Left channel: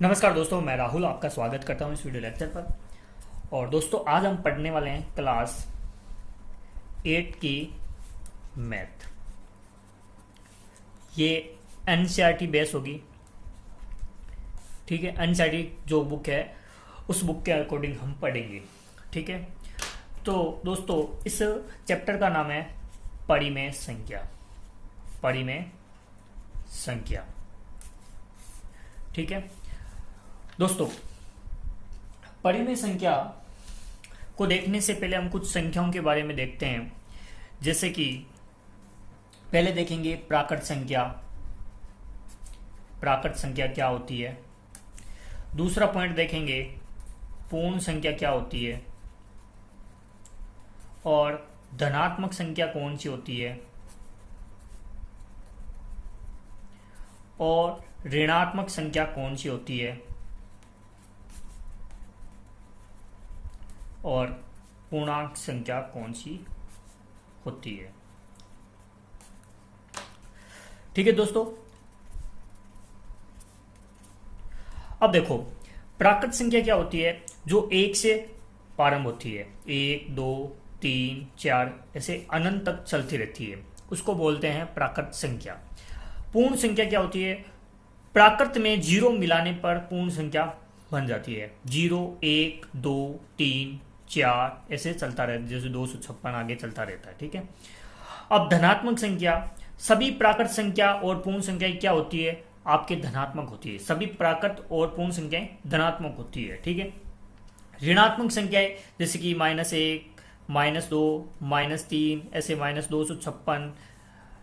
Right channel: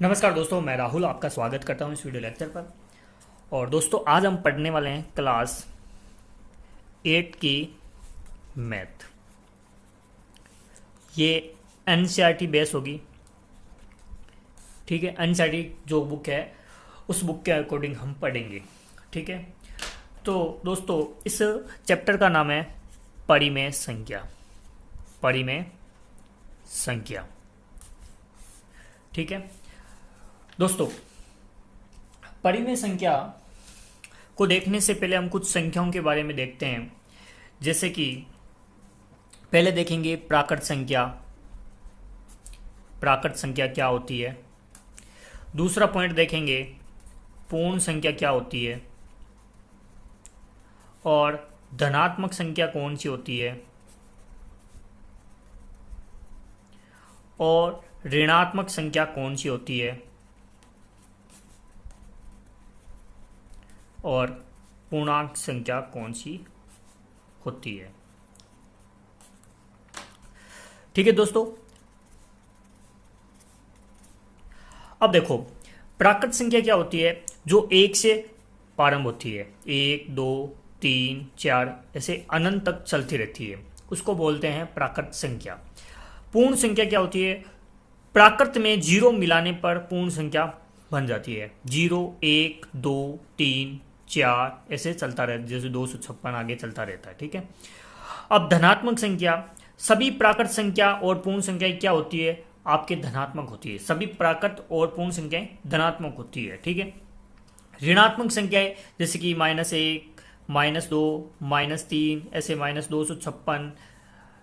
नमस्कार दोस्तों, मैं राहुल आपका स्वागत करता हूं इस वीडियो लेक्चर पर। और दोस्तों, आज हम पढ़ने वाले हैं क्लास 8 की मैथ। ये एनसीईआरटी बेस होगी, ठीक है। एनसीईआरटी जो बुक है उस बुक के अकॉर्डिंग हम पढ़ेंगे, ठीक है। तो दोस्तों, इस चैप्टर का नाम है परिमेय संख्या। परिमेय संख्या, ठीक है दोस्तों। परिमेय संख्या को देखने से पहले हम कुछ संख्याओं के बारे में देखते हैं। जैसे कि पहले देखेंगे प्राकृत संख्या। प्राकृत संख्या क्या होती है। दूसरा पॉइंट देखेंगे पूर्ण संख्या क्या होती है, और धनात्मक संख्या कौन सी होती है, और ऋणात्मक संख्या कौन सी होती है, और पूर्णांक संख्या कौन सी होती है। ठीक है दोस्तों। अब देखो, प्राकृत संख्या क्या होती है, जो एक से प्रारंभ होती है। 1 2 3 4 ऐसे अनंत तक चलती रहती है, उसको बोलते हैं प्राकृत संख्या। पूर्ण संख्या क्या होती है, प्राकृत में जीरो मिलाने पर पूर्ण संख्या बन जाती है। 0 1 2 3 4 ऐसे चलता रहता है, जैसे 256 आगे चलता रहता है, ठीक है। अब धनात्मक संख्या, सभी प्राकृत संख्या और पूर्ण संख्या क्या होती है, आपके धनात्मक होती है। सभी प्राकृत और पूर्ण संख्याएं धनात्मक होती है, ठीक है। ऋणात्मक संख्याएं जैसे कि -1 -2 -3 ऐसे -256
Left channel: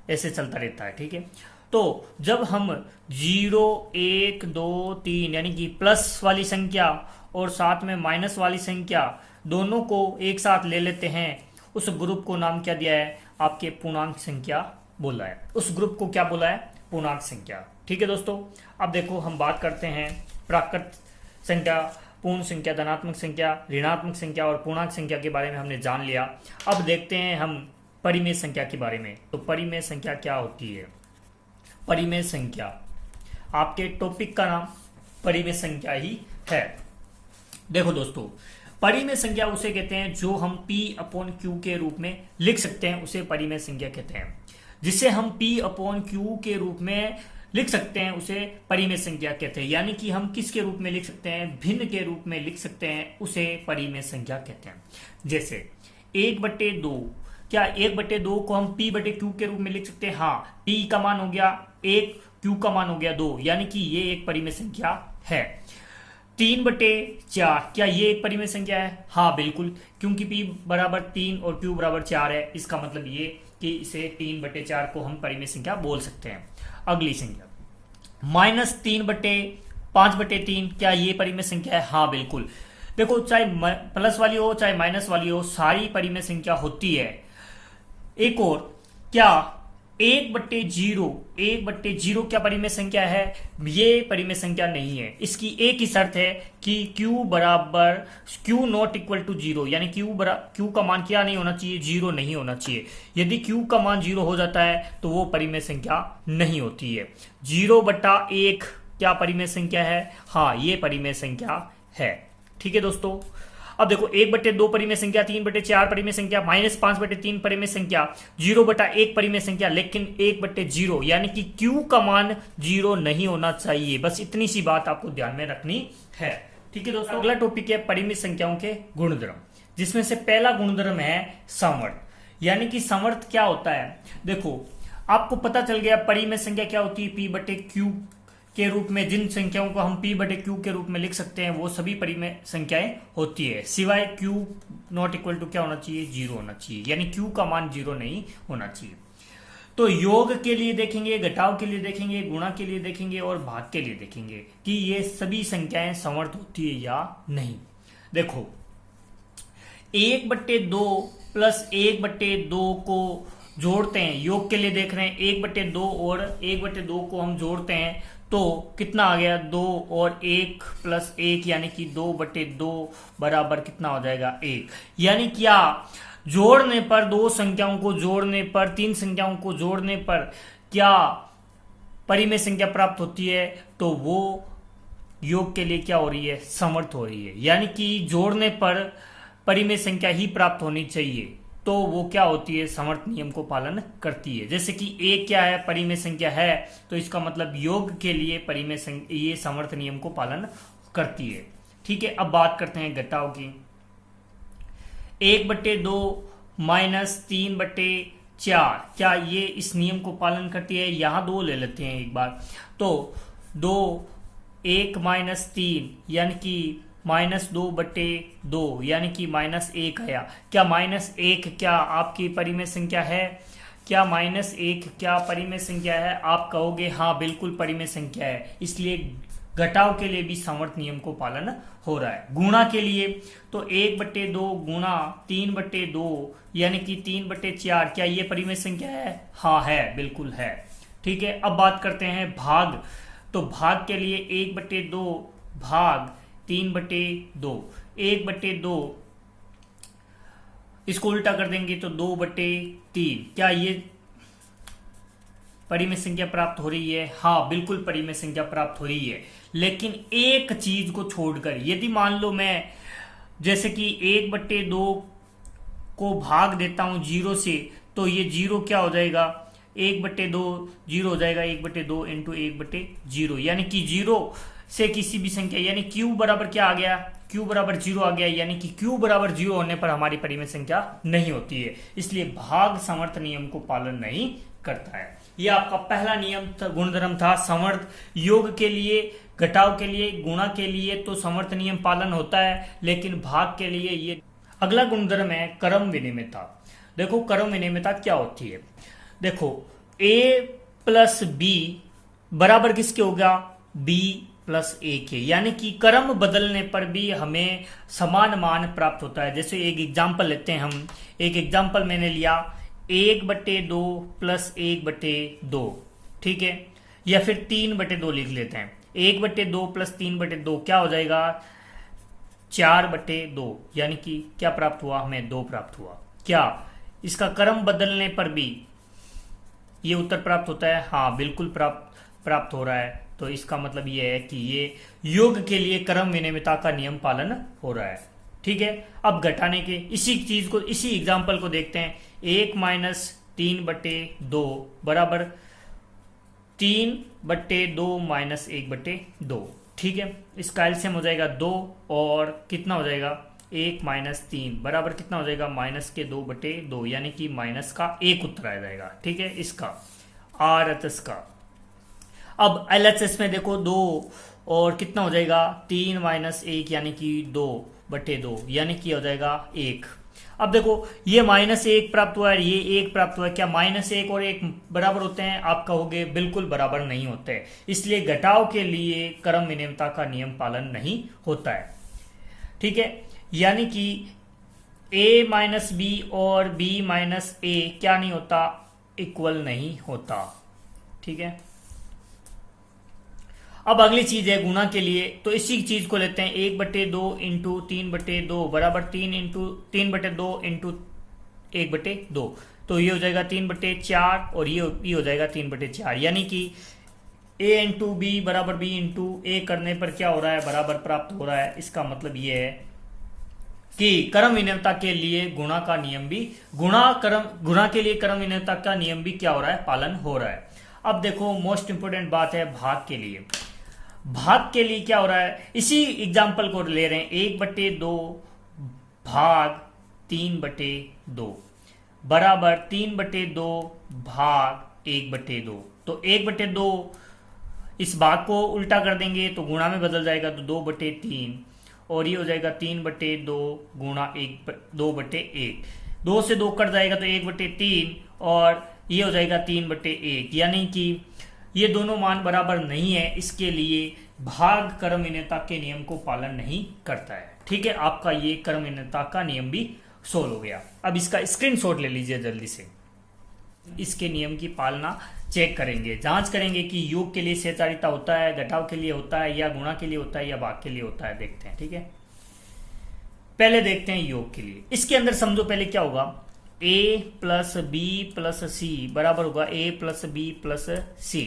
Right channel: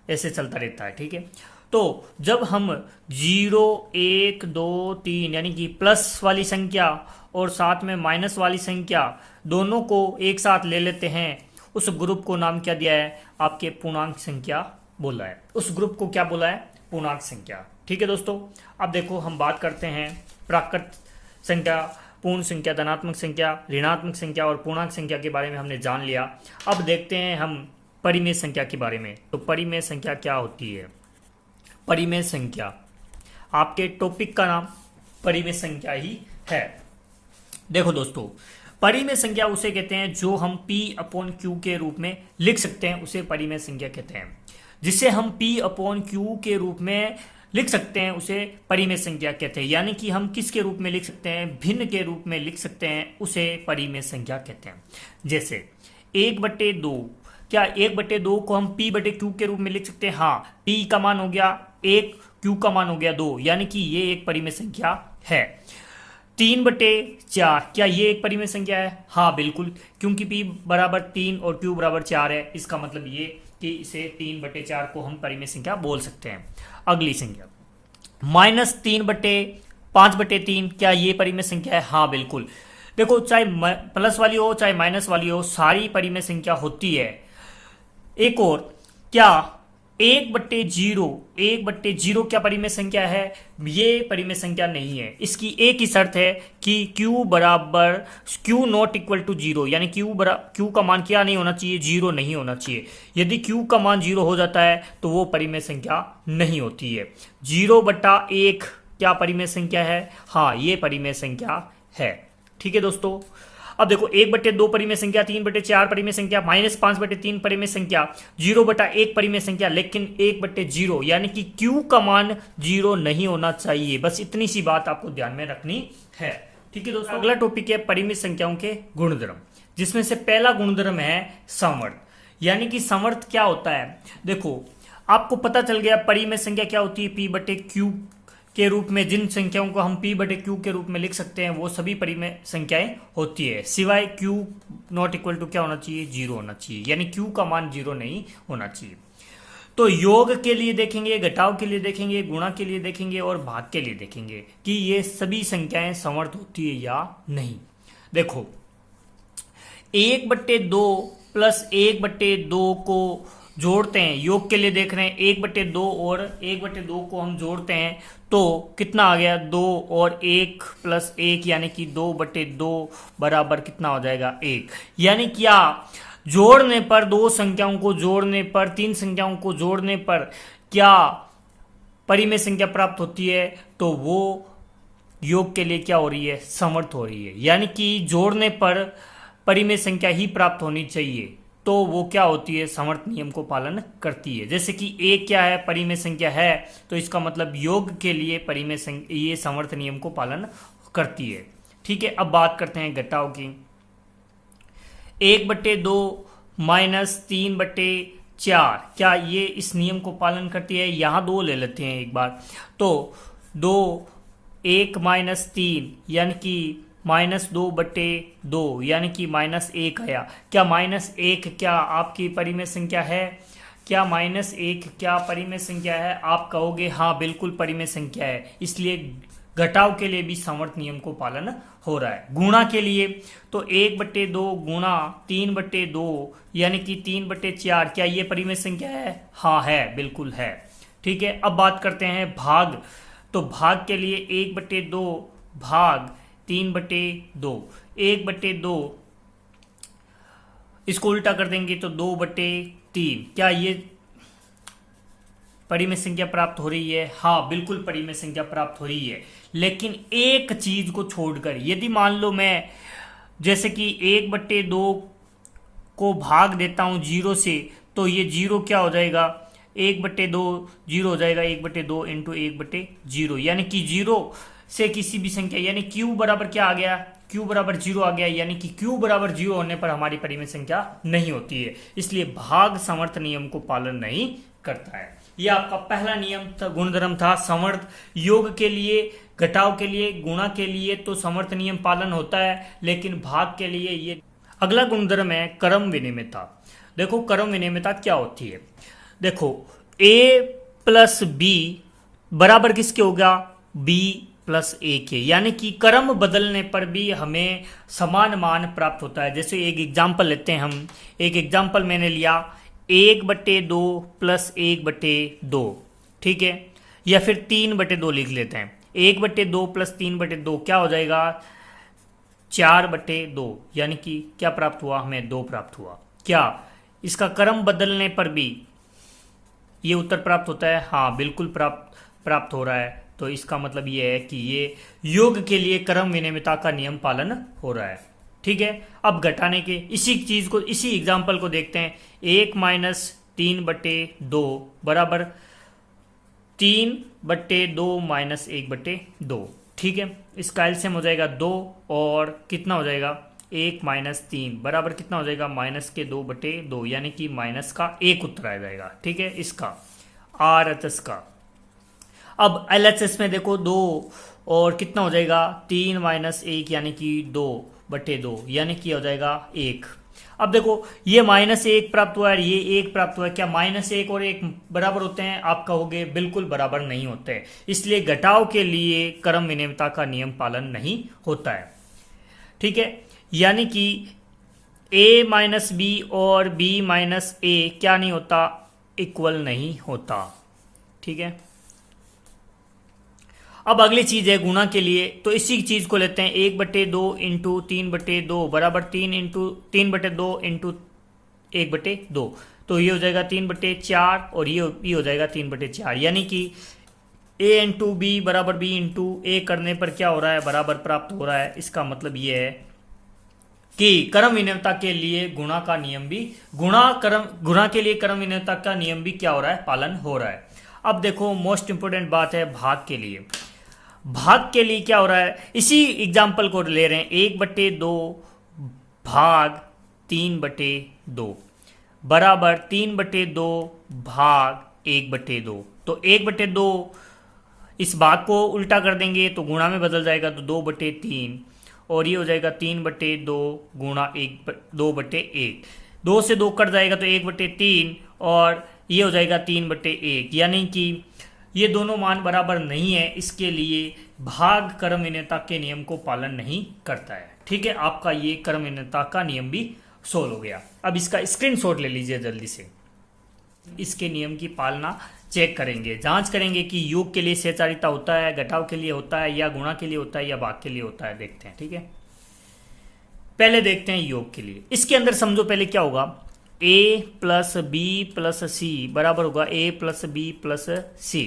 ऐसे चलता रहता है, ठीक है। तो जब हम 0 1 2 3 यानी कि प्लस वाली संख्या और साथ में माइनस वाली संख्या दोनों को एक साथ ले लेते हैं, उस ग्रुप को नाम क्या दिया है, आपके पूर्णांक संख्या बोला है। उस ग्रुप को क्या बोला है, पूर्णांक संख्या, ठीक है दोस्तों। अब देखो, हम बात करते हैं प्राकृत संख्या, पूर्ण संख्या, धनात्मक संख्या, ऋणात्मक संख्या और पूर्णांक संख्या के बारे में हमने जान लिया। अब देखते हैं हम परिमेय संख्या के बारे में। तो परिमेय संख्या क्या होती है। परिमेय संख्या, आपके टॉपिक का नाम परिमेय संख्या ही है। देखो दोस्तों, परिमेय संख्या उसे कहते हैं जो हम P/Q के रूप में लिख सकते हैं, उसे परिमेय संख्या कहते हैं। जिसे हम P/Q के रूप में लिख सकते हैं उसे परिमेय संख्या कहते हैं। यानी कि हम किसके रूप में लिख सकते हैं, भिन्न के रूप में लिख सकते हैं, उसे परिमेय संख्या कहते हैं। जैसे 1/2, क्या 1/2 को हम P/Q के रूप में लिख सकते हैं। हाँ, P का मान हो गया 1, Q का मान हो गया 2, यानी कि ये एक परिमेय संख्या है। 3/4, क्या ये एक परिमेय संख्या है। हाँ बिल्कुल, क्योंकि P बराबर 3 और Q बराबर 4 है। इसका मतलब ये कि इसे 3/4 को हम परिमेय संख्या बोल सकते हैं। अगली संख्या -3/5/3, क्या ये परिमेय संख्या है। हाँ बिल्कुल। देखो, चाहे प्लस वाली हो चाहे माइनस वाली हो, सारी परिमेय संख्या होती है। एक और, क्या 1/0 क्या परिमेय संख्या है। ये परिमेय संख्या नहीं है। इसकी एक ही शर्त है कि Q नॉट इक्वल टू 0, यानी Q का मान क्या नहीं होना चाहिए, 0 नहीं होना चाहिए। यदि Q का मान 0 हो जाता है तो वो परिमेय संख्या नहीं होती है। 0/1 क्या परिमेय संख्या है। हाँ, ये परिमेय संख्या है, ठीक है दोस्तों। अब देखो, 1/2 परिमेय संख्या, 3/4 परिमेय संख्या, -5/3 परिमेय संख्या, 0/1 परिमेय संख्या, लेकिन 1/0 यानी कि Q का मान 0 नहीं होना चाहिए। बस इतनी सी बात आपको ध्यान में रखनी है, ठीक है दोस्तों। अगला टॉपिक है परिमेय संख्याओं के गुणधर्म, जिसमें से पहला गुणधर्म है समवर्त। यानी कि समवर्त क्या होता है, देखो आपको पता चल गया परिमेय संख्या क्या होती है। P/Q के रूप में जिन संख्याओं को हम P/Q के रूप में लिख सकते हैं वो सभी परिमेय संख्याएं होती है, सिवाय Q नॉट इक्वल टू क्या होना चाहिए, 0 होना चाहिए। यानी Q का मान 0 नहीं होना चाहिए। तो योग के लिए देखेंगे, घटाव के लिए देखेंगे, गुणा के लिए देखेंगे और भाग के लिए देखेंगे कि ये सभी संख्याएं समवर्त होती है या नहीं। देखो, 1/2 प्लस 1/2 को जोड़ते हैं, योग के लिए देख रहे हैं। 1/2 और 1/2 को हम जोड़ते हैं तो कितना आ गया, 2 और 1 + 1 यानी कि 2/2 बराबर कितना हो जाएगा, 1। यानी क्या, जोड़ने पर, दो संख्याओं को जोड़ने पर, तीन संख्याओं को जोड़ने पर क्या परिमेय संख्या प्राप्त होती है, तो वो योग के लिए क्या हो रही है, समर्थ हो रही है, यानी कि जोड़ने पर परिमेय संख्या ही प्राप्त होनी चाहिए, तो वो क्या होती है, समर्थ नियम को पालन करती है। जैसे कि a क्या है, परिमेय संख्या है, तो इसका मतलब योग के लिए परिमेय संख्या ये समर्थ नियम को पालन करती है। ठीक है, अब बात करते हैं घटाव की। 1/2 माइनस 3/4 क्या ये इस नियम को पालन करती है? यहां 2 ले लेते हैं एक बार, तो 2 1 माइनस 3 यानी कि -2/2 यानी कि -1 आया। क्या -1 क्या आपकी परिमेय संख्या है? क्या -1 क्या परिमेय संख्या है? आप कहोगे हाँ बिल्कुल परिमेय संख्या है, इसलिए घटाव के लिए भी समवर्त नियम को पालन हो रहा है। गुणा के लिए तो 1/2 गुणा 3/2 यानी कि 3/4 क्या ये परिमेय संख्या है? हाँ है, बिल्कुल है। ठीक है, अब बात करते हैं भाग। तो भाग के लिए 1/2 भाग 3/2, 1/2 इसको उल्टा कर देंगे तो 2/3। क्या ये परिमेय संख्या प्राप्त हो रही है? हाँ बिल्कुल परिमेय संख्या प्राप्त हो रही है, लेकिन एक चीज को छोड़कर। यदि मान लो मैं जैसे कि 1/2 को भाग देता हूं 0 से, तो ये 0 क्या हो जाएगा, 1/2 0 हो जाएगा, 1/2 इंटू 1/0 यानी कि 0 से किसी भी संख्या यानी q बराबर क्या आ गया, q बराबर 0 आ गया, यानी कि q बराबर 0 होने पर हमारी परिमेय संख्या नहीं होती है, इसलिए भाग समर्थ नियम को पालन नहीं करता है। यह आपका पहला नियम था, गुणधर्म था। समर्थ योग के लिए, घटाव के लिए, गुणा के लिए तो समर्थ नियम पालन होता है, लेकिन भाग के लिए ये। अगला गुणधर्म है क्रम विनिमयता। देखो क्रम विनिमयता क्या होती है, देखो a प्लस b बराबर किसके होगा, b प्लस a के, यानी कि क्रम बदलने पर भी हमें समान मान प्राप्त होता है। जैसे एक एग्जाम्पल लेते हैं हम, एक एग्जाम्पल मैंने लिया 1/2 प्लस 1/2, ठीक है, या फिर 3/2 लिख लेते हैं। 1/2 प्लस 3/2 क्या हो जाएगा, 4/2, यानी कि क्या प्राप्त हुआ, हमें 2 प्राप्त हुआ। क्या इसका क्रम बदलने पर भी ये उत्तर प्राप्त होता है? हाँ बिल्कुल प्राप्त हो रहा है। तो इसका मतलब ये है कि ये योग के लिए क्रम विनिमयता का नियम पालन हो रहा है। ठीक है, अब घटाने के इसी चीज को, इसी एग्जाम्पल को देखते हैं। 1 माइनस 3/2 बराबर 3/2 माइनस 1/2। ठीक है, इसका एलसीएम हो जाएगा 2 और कितना हो जाएगा, 1 माइनस 3 बराबर कितना हो जाएगा, -2/2, यानी कि माइनस का 1 उत्तर आ जाएगा। ठीक है, इसका RHS का। अब LHS में देखो 2 और कितना हो जाएगा, 3 माइनस 1 यानी कि 2/2, यानी कि हो जाएगा 1। अब देखो ये -1 प्राप्त हुआ है, ये 1 प्राप्त हुआ है। क्या -1 और 1 बराबर होते हैं? आप कहोगे बिल्कुल बराबर नहीं होते हैं, इसलिए घटाव के लिए क्रम विनिमयता का नियम पालन नहीं होता है। ठीक है, यानी कि a माइनस बी और b माइनस a क्या नहीं होता, इक्वल नहीं होता। ठीक है, अब अगली चीज है गुणा के लिए, तो इसी चीज को लेते हैं। 1/2 इंटू 3/2 बराबर 3/2 इंटू 1/2, तो ये हो जाएगा 3/4 और ये हो जाएगा 3/4, यानी कि a इंटू बी बराबर b इंटू ए करने पर क्या हो रहा है, बराबर प्राप्त हो रहा है। इसका मतलब ये है कि क्रम विनिमयता के लिए गुणा का नियम भी, गुणा के लिए क्रम विनिमयता का नियम भी क्या हो रहा है, पालन हो रहा है। अब देखो मोस्ट इंपोर्टेंट बात है भाग के लिए। भाग के लिए क्या हो रहा है, इसी एग्जाम्पल को ले रहे हैं। 1/2 भाग 3/2 बराबर 3/2 भाग 1/2, तो 1/2 इस भाग को उल्टा कर देंगे तो गुणा में बदल जाएगा, तो 2/3 और ये हो जाएगा 3/2 गुणा 2/1। 2 से 2 कट जाएगा तो 1/3 और ये हो जाएगा 3/1, यानी कि ये दोनों मान बराबर नहीं है, इसके लिए भाग क्रम विनिमयता के नियम को पालन नहीं करता है। ठीक है, आपका ये क्रम विनिमयता का नियम भी सोल्व हो गया। अब इसका स्क्रीनशॉट ले लीजिए जल्दी से, इसके नियम की पालना चेक करेंगे, जांच करेंगे कि योग के लिए सहचारिता होता है, घटाव के लिए होता है, या गुणा के लिए होता है, या भाग के लिए होता है, देखते हैं। ठीक है, पहले देखते हैं योग के लिए। इसके अंदर समझो पहले क्या होगा, a plus B plus C बराबर होगा a प्लस बी प्लस सी।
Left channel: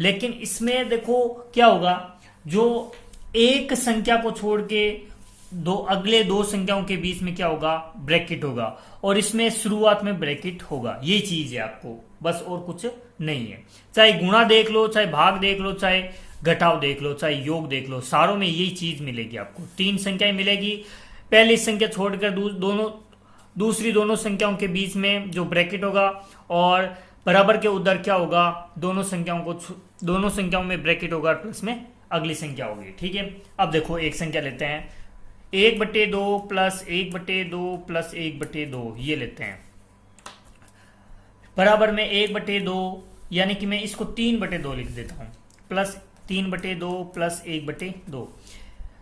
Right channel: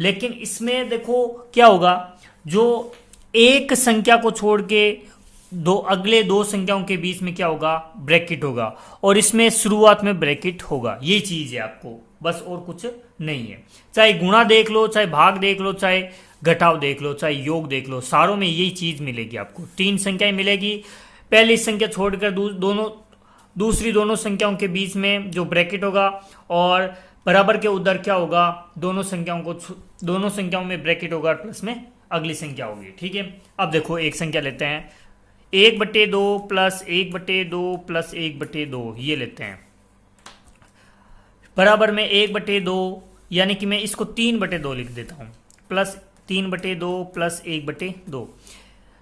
लेकिन इसमें देखो क्या होगा, जो एक संख्या को छोड़ के अगले दो संख्याओं के बीच में क्या होगा, ब्रैकेट होगा, और इसमें शुरुआत में ब्रैकेट होगा। ये चीज है आपको, बस और कुछ नहीं है। चाहे गुणा देख लो, चाहे भाग देख लो, चाहे घटाव देख लो, चाहे योग देख लो, सारों में यही चीज मिलेगी आपको। तीन संख्याएं मिलेगी, पहली संख्या छोड़कर दूसरी दोनों संख्याओं के बीच में जो ब्रैकेट होगा, और बराबर के उधर क्या होगा, दोनों संख्याओं में ब्रैकेट होगा, प्लस में अगली संख्या होगी। ठीक है, अब देखो एक संख्या लेते हैं, 1/2 प्लस 1/2 प्लस 1/2, ये लेते हैं, बराबर में 1/2, यानी कि मैं इसको 3/2 लिख देता हूं, प्लस 3/2 प्लस 1/2,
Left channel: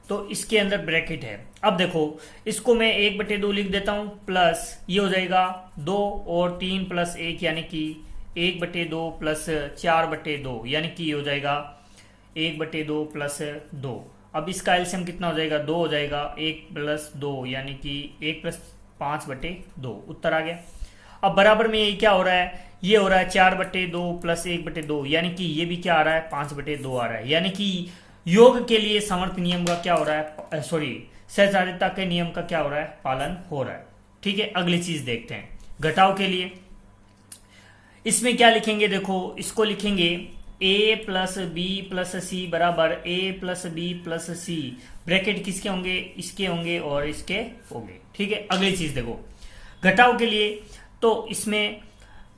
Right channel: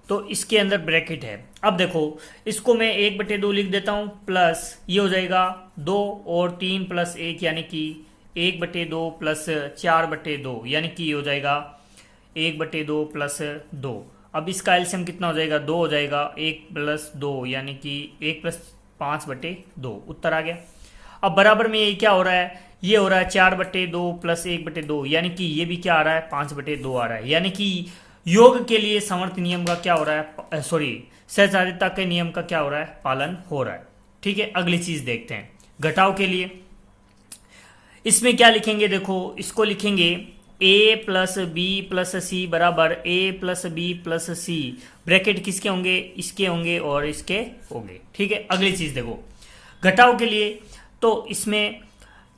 तो इसके अंदर ब्रैकेट है। अब देखो इसको मैं 1/2 लिख देता हूं, प्लस ये हो जाएगा 2 और 3 प्लस 1, यानी कि 1/2 प्लस 4/2, यानी कि ये हो जाएगा 1/2 प्लस 2। अब इसका एलसीएम कितना हो जाएगा, 2 हो जाएगा, 1 प्लस 2 यानी कि 1 प्लस 5/2, उत्तर आ गया। अब बराबर में ये क्या हो रहा है, ये हो रहा है 4/2 प्लस 1/2, यानी कि ये भी क्या आ रहा है, 5/2 आ रहा है। यानी कि योग के लिए समर्थ नियम का क्या हो रहा है, सहचारिता के नियम का क्या हो रहा है, पालन हो रहा है। ठीक है, अगली चीज देखते हैं, घटाव के लिए इसमें क्या लिखेंगे, देखो इसको लिखेंगे a plus B plus C बराबर a plus B plus C, bracket किसके होंगे, इसके होंगे और इसके होंगे। ठीक है, अगली चीज देखो घटाव के लिए, तो इसमें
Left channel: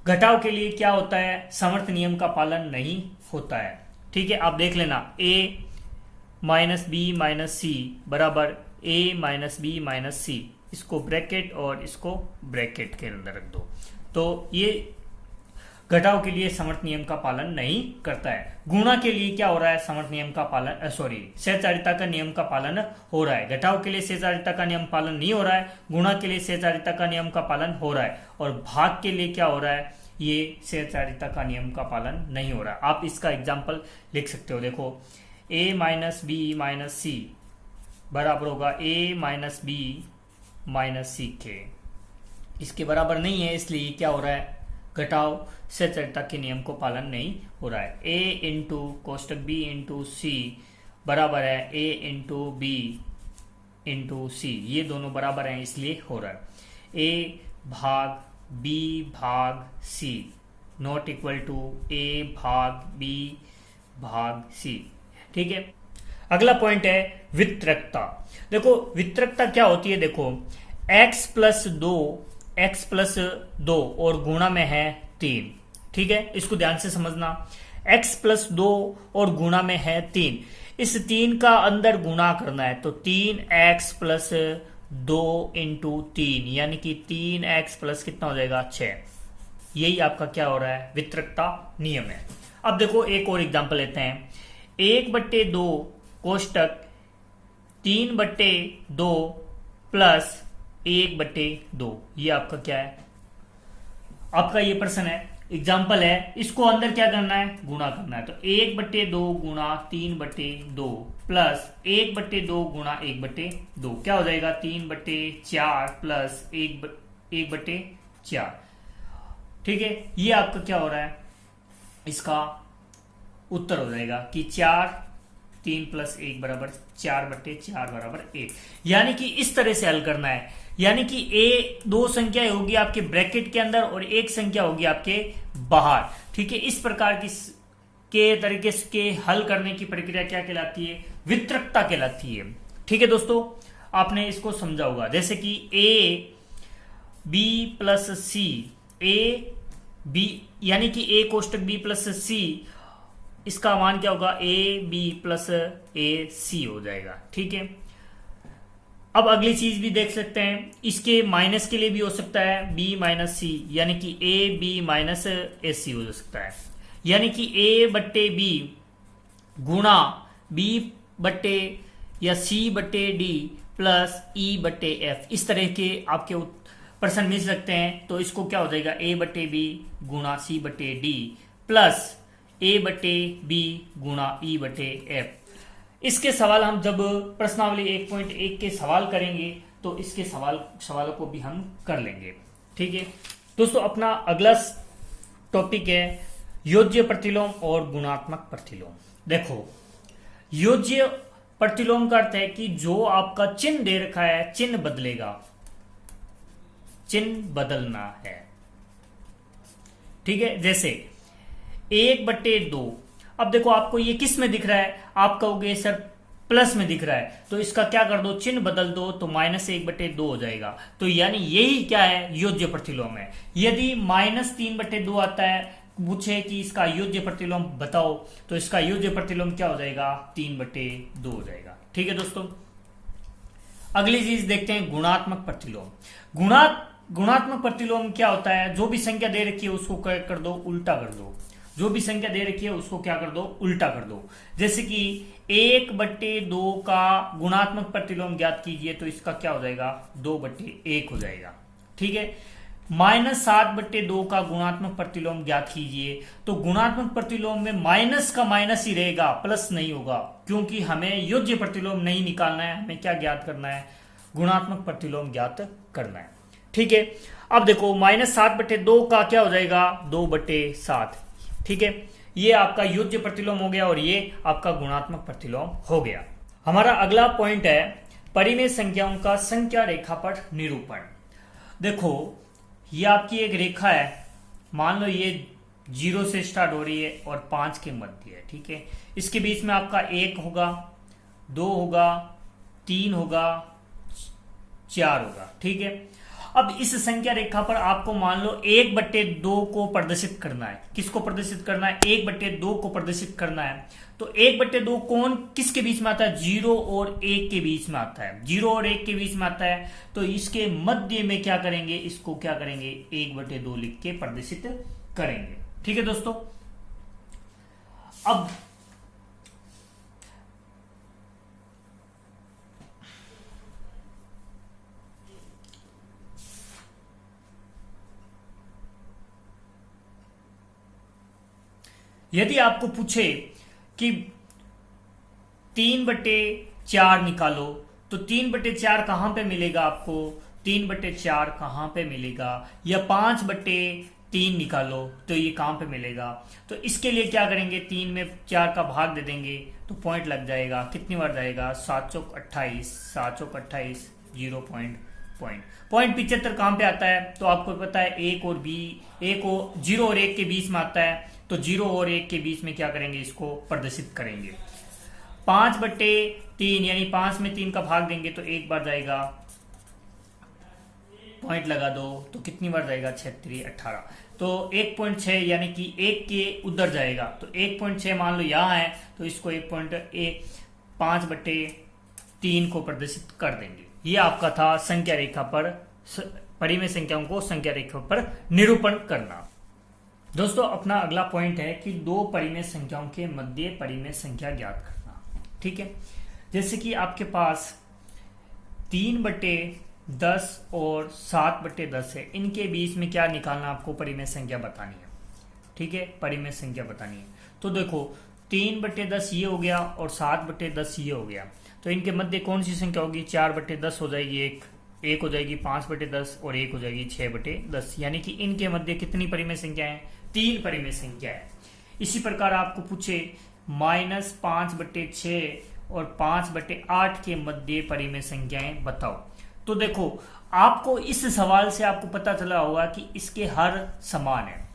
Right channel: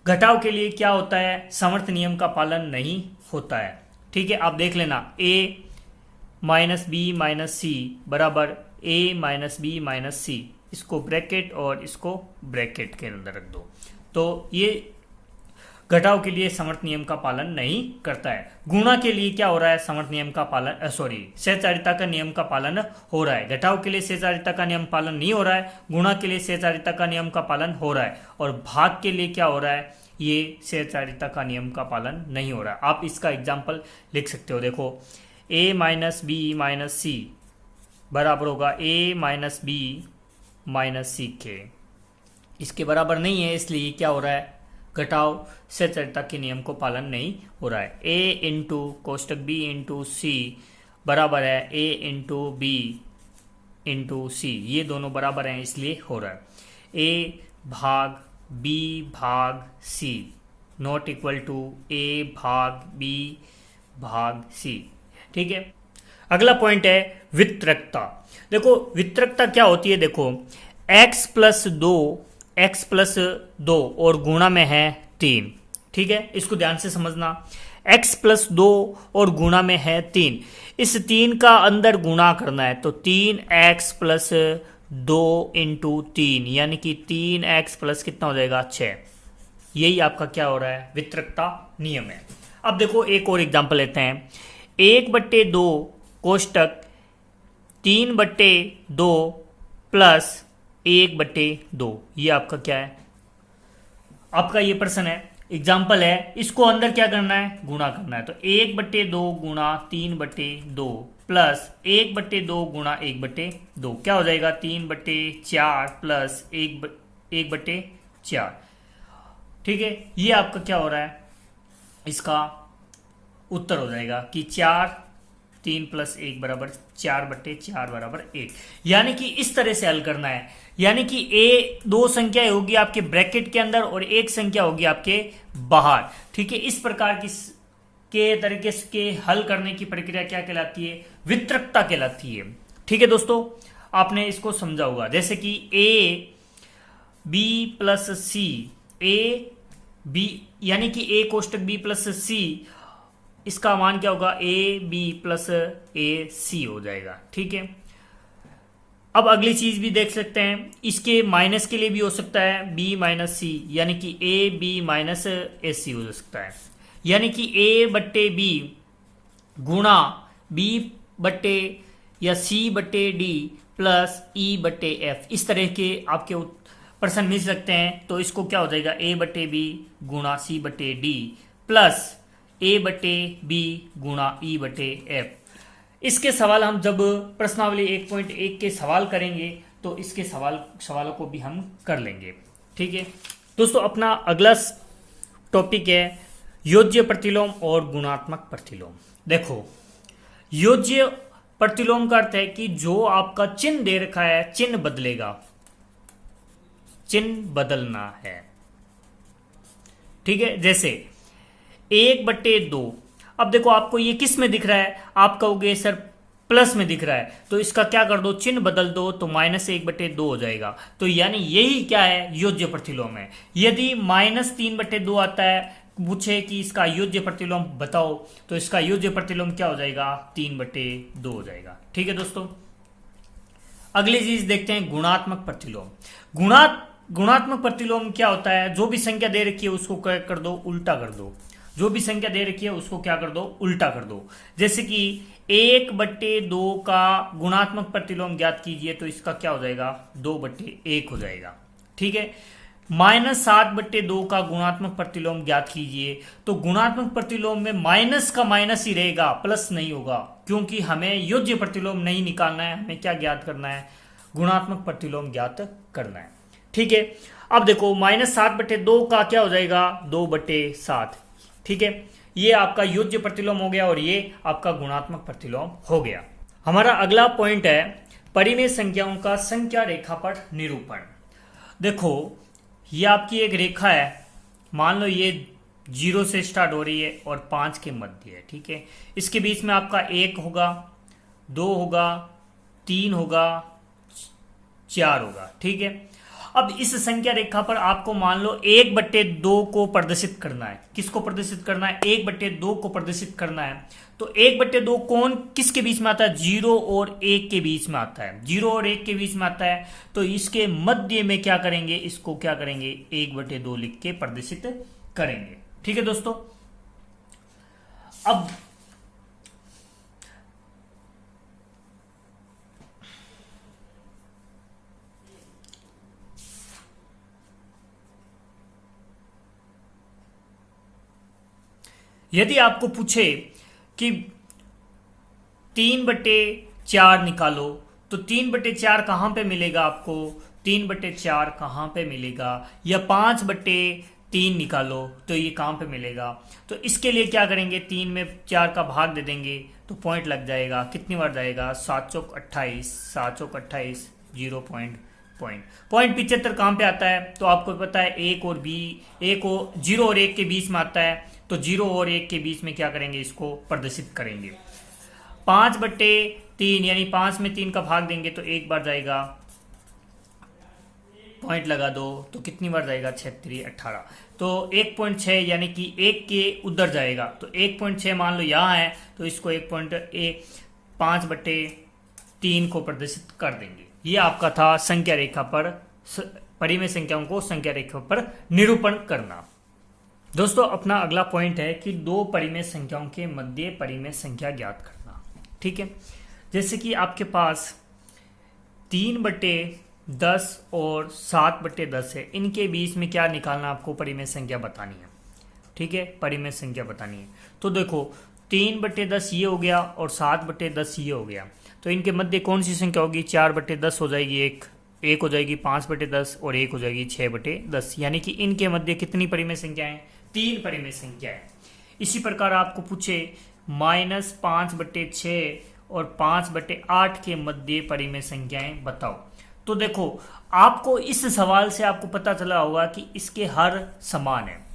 घटाव के लिए क्या होता है, समर्थ नियम का पालन नहीं होता है। ठीक है, आप देख लेना, a माइनस बी माइनस सी बराबर a माइनस बी माइनस सी, इसको ब्रैकेट और इसको ब्रैकेट के अंदर रख दो, तो ये घटाव के लिए समर्थ नियम का पालन नहीं करता है। गुणा के लिए क्या हो रहा है, समर्थ नियम का पालन, सहचारिता का नियम का पालन हो रहा है। घटाव के लिए सहचारिता का नियम पालन नहीं हो रहा है, गुणा के लिए सहचारिता का नियम का पालन हो रहा है, और भाग के लिए क्या हो रहा है, ये सहचारिता का नियम का पालन नहीं हो रहा है। आप इसका एग्जाम्पल लिख सकते हो, देखो a माइनस बी माइनस सी बराबर होगा a माइनस बी माइनस सी के, इसके बराबर नहीं है, इसलिए क्या हो रहा है, घटाव सहचारिता के नियम को पालन नहीं हो रहा है। a इंटू कोष्टक b इंटू सी बराबर है a इंटू बी इंटू सी, ये दोनों बराबर हैं इसलिए हो रहा है। a भाग b भाग c not equal to a भाग b भाग c। ठीक है, अगला पॉइंट है वितरकता। देखो वितरकता क्या होती है, देखो x प्लस 2 और गुणा में है 3। ठीक है, इसको ध्यान से समझना, x प्लस 2 और गुणा में है 3, इस 3 का अंदर गुणा करना है, तो 3x प्लस 2 इंटू 3, यानी कि 3x प्लस कितना हो जाएगा, 6। यही आपका क्या हो रहा है, वितरकता नियम है। अब देखो एक और एग्जांपल लेते हैं, 1/2 कोष्टक 3/2 प्लस 1/2, ये आपका क्या है, आपका ये प्रश्न है, एग्जाम्पल है, इसको अंदर क्या करना है, गुणा करना है, तो 1/2 गुणा 3/2 प्लस 1/2 गुणा 1/2, क्या हो जाएगा, 3/4 प्लस 1/4। ठीक है, ये आपका क्या हो रहा है, इसका उत्तर हो जाएगा कि 3 प्लस 1 बराबर 4/4 बराबर 1। यानी कि इस तरह से हल करना है, यानी कि a 2 संख्या होगी आपके ब्रैकेट के अंदर और 1 संख्या होगी आपके बाहर। ठीक है, इस प्रकार के तरीके के हल करने की प्रक्रिया क्या कहलाती है, वितरकता कहलाती है। ठीक है दोस्तों, आपने इसको समझा होगा, जैसे कि a b plus C, a b यानी कि a कोष्टक b प्लस c, इसका मान क्या होगा, a b plus a c हो जाएगा। ठीक है, अब अगली चीज भी देख सकते हैं, इसके माइनस के लिए भी हो सकता है b माइनस सी, यानी कि a b माइनस ए सी हो सकता है, यानी कि a/b गुणा b बट्टे या c बट्टे d प्लस e/f, इस तरह के आपके प्रश्न मिल सकते हैं। तो इसको क्या हो जाएगा, a/b गुणा c/d प्लस a/b गुणा e/f। इसके सवाल हम जब प्रश्नावली 1.1 के सवाल करेंगे तो इसके सवालों को भी हम कर लेंगे। ठीक है दोस्तों, अपना अगला टॉपिक है योज्य प्रतिलोम और गुणात्मक प्रतिलोम। देखो योज्य प्रतिलोम का अर्थ है कि जो आपका चिन्ह दे रखा है, चिन्ह बदलेगा, चिन्ह बदलना है। ठीक है, जैसे 1/2। अब देखो आपको ये किस में दिख रहा है, आप कहोगे सर प्लस में दिख रहा है, तो इसका क्या कर दो, चिन्ह बदल दो, तो -1/2 हो जाएगा। तो यानी यही क्या है, योज्य प्रतिलोम है। यदि -3/2 आता है, पूछे कि इसका योज्य प्रतिलोम बताओ, तो इसका योज्य प्रतिलोम क्या हो जाएगा, 3/2 हो जाएगा। ठीक है दोस्तों, अगली चीज देखते हैं गुणात्मक प्रतिलोम। गुणात्मक प्रतिलोम क्या होता है, जो भी संख्या दे रखी है उसको क्या कर दो, उल्टा कर दो। जो भी संख्या दे रखी है उसको क्या कर दो, उल्टा कर दो। जैसे कि 1/2 का गुणात्मक प्रतिलोम ज्ञात कीजिए, तो इसका क्या हो जाएगा, 2/1 हो जाएगा। ठीक है, -7/2 का गुणात्मक प्रतिलोम ज्ञात कीजिए, तो गुणात्मक प्रतिलोम में माइनस का माइनस ही रहेगा, प्लस नहीं होगा, क्योंकि हमें योज्य प्रतिलोम नहीं निकालना है, हमें क्या ज्ञात करना है, गुणात्मक प्रतिलोम ज्ञात करना है। ठीक है, अब देखो -7/2 का क्या हो जाएगा, 2/7। ठीक है, ये आपका योज्य प्रतिलोम हो गया और ये आपका गुणात्मक प्रतिलोम हो गया। हमारा अगला पॉइंट है परिमेय संख्याओं का संख्या रेखा पर निरूपण। देखो ये आपकी एक रेखा है, मान लो ये 0 से स्टार्ट हो रही है और 5 के मध्य है। ठीक है, इसके बीच में आपका 1 होगा, 2 होगा, 3 होगा, 4 होगा। ठीक है, अब इस संख्या रेखा पर आपको मान लो 1/2 को प्रदर्शित करना है। किसको प्रदर्शित करना है, 1/2 को प्रदर्शित करना है। तो 1/2 कौन किसके बीच में आता है, 0 और 1 के बीच में आता है। 0 और 1 के बीच में आता है, तो इसके मध्य में क्या करेंगे, इसको क्या करेंगे, 1/2 लिख के प्रदर्शित करेंगे। ठीक है दोस्तों, अब यदि आपको पूछे कि 3/4 निकालो, तो 3/4 कहां पे मिलेगा आपको, 3/4 कहां पे मिलेगा, या 5/3 निकालो तो ये कहां पे मिलेगा। तो इसके लिए क्या करेंगे, 3 में 4 का भाग दे देंगे तो पॉइंट लग जाएगा। कितनी बार जाएगा, 7 चौक 28, 7 चौक 28, 0 पॉइंट। पॉइंट 75 कहां पे आता है, तो आपको पता है 1 और 0 और 1 के बीच में आता है, तो 0 और 1 के बीच में क्या करेंगे, इसको प्रदर्शित करेंगे। 5/3 यानी 5 में 3 का भाग देंगे तो एक बार जाएगा, पॉइंट लगा दो, तो कितनी बार जाएगा, 6×3 18, तो 1.6 यानी कि 1 के उधर जाएगा। तो 1.6 मान लो यहां है, तो इसको 5/3 को प्रदर्शित कर देंगे। ये आपका था संख्या रेखा पर परिमेय संख्याओं को संख्या रेखा पर निरूपण करना। दोस्तों अपना अगला पॉइंट है कि दो परिमेय संख्याओं के मध्य परिमेय संख्या ज्ञात करना। ठीक है, जैसे कि आपके पास 3/10 और 7/10 है, इनके बीच में क्या निकालना, आपको परिमेय संख्या बतानी है। ठीक है, परिमेय संख्या बतानी है। तो देखो 3/10 ये हो गया और 7/10 ये हो गया, तो इनके मध्य कौन सी संख्या होगी, 4/10 हो जाएगी, एक हो जाएगी 5/10 और एक हो जाएगी 6/10, यानी कि इनके मध्य कितनी परिमेय संख्या है, 3 परिमेय संख्या है। इसी प्रकार आपको पूछे -5/6 और 5/8 के मध्य परिमेय संख्याएं बताओ, तो देखो आपको इस सवाल से आपको पता चला होगा कि इसके हर समान है।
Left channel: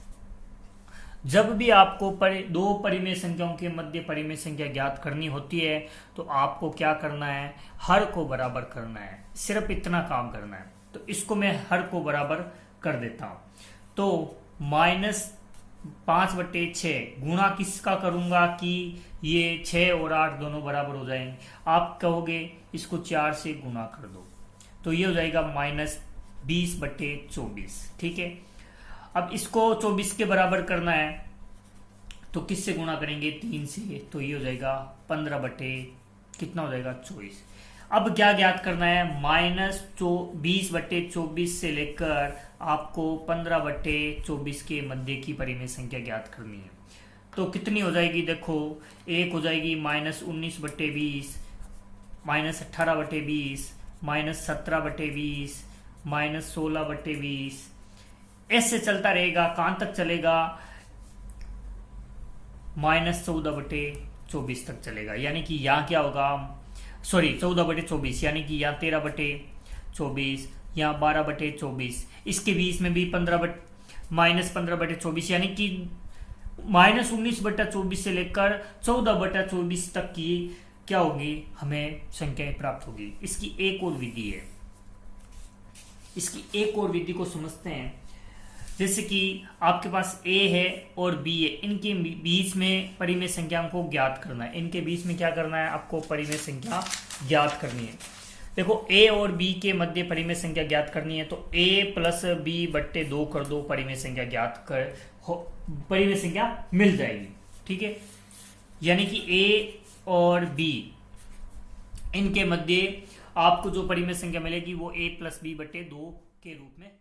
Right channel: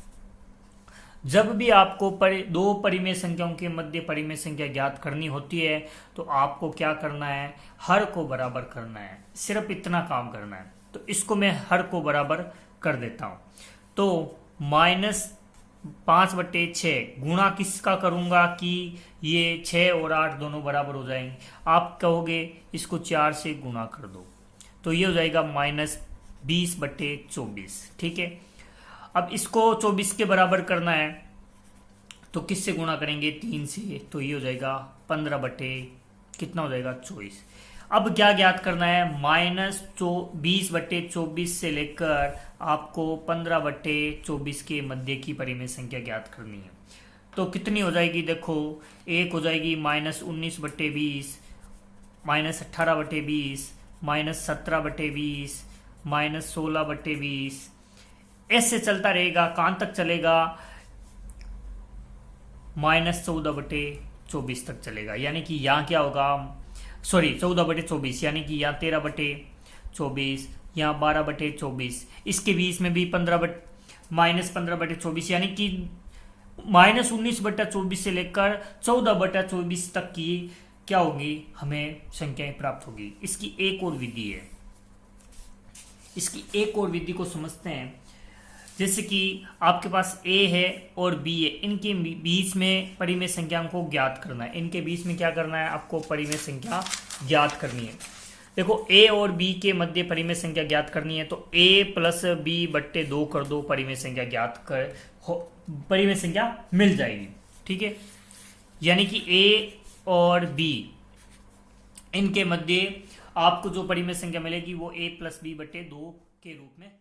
जब भी आपको दो परिमेय संख्याओं के मध्य परिमेय संख्या ज्ञात करनी होती है, तो आपको क्या करना है, हर को बराबर करना है, सिर्फ इतना काम करना है। तो इसको मैं हर को बराबर कर देता हूं, तो -5/6 गुणा किसका करूंगा कि ये 6 और 8 दोनों बराबर हो जाएंगे। आप कहोगे इसको 4 से गुणा कर दो, तो ये हो जाएगा -20/24। ठीक है, अब इसको 24 के बराबर करना है, तो किससे गुणा करेंगे, 3 से, तो ये हो जाएगा 15/कितना हो जाएगा, 24। अब क्या ज्ञात करना है, -20/24 से लेकर आपको 15/24 के मध्य की परिमेय संख्या ज्ञात करनी है। तो कितनी हो जाएगी, देखो एक हो जाएगी -19/20, -18/20, -17/20, -16/20, ऐसे चलता रहेगा, कहां तक चलेगा, -14/24 24 तक चलेगा। यानी कि यहाँ क्या होगा, सॉरी 14/24, यानी कि यहाँ 13/24, यहाँ 12/24, इसके बीच में भी -15/24, यानी कि -19/24 से लेकर 14/24 तक की क्या होगी, हमें संख्याएं प्राप्त होगी। इसकी एक और विधि है, इसकी एक और विधि को समझते हैं। जैसे कि आपके पास a है और b है, इनके बीच में परिमेय संख्या को ज्ञात करना है। इनके बीच में क्या करना है, आपको परिमेय संख्या ज्ञात करनी है। देखो a और b के मध्य परिमेय संख्या ज्ञात करनी है, तो a + b/2 कर दो, परिमेय संख्या ज्ञात कर परिमेय संख्या मिल जाएगी। ठीक है, यानी कि a और b इनके मध्य आपको जो परिमेय संख्या मिलेगी वो a + b/2 के रूप में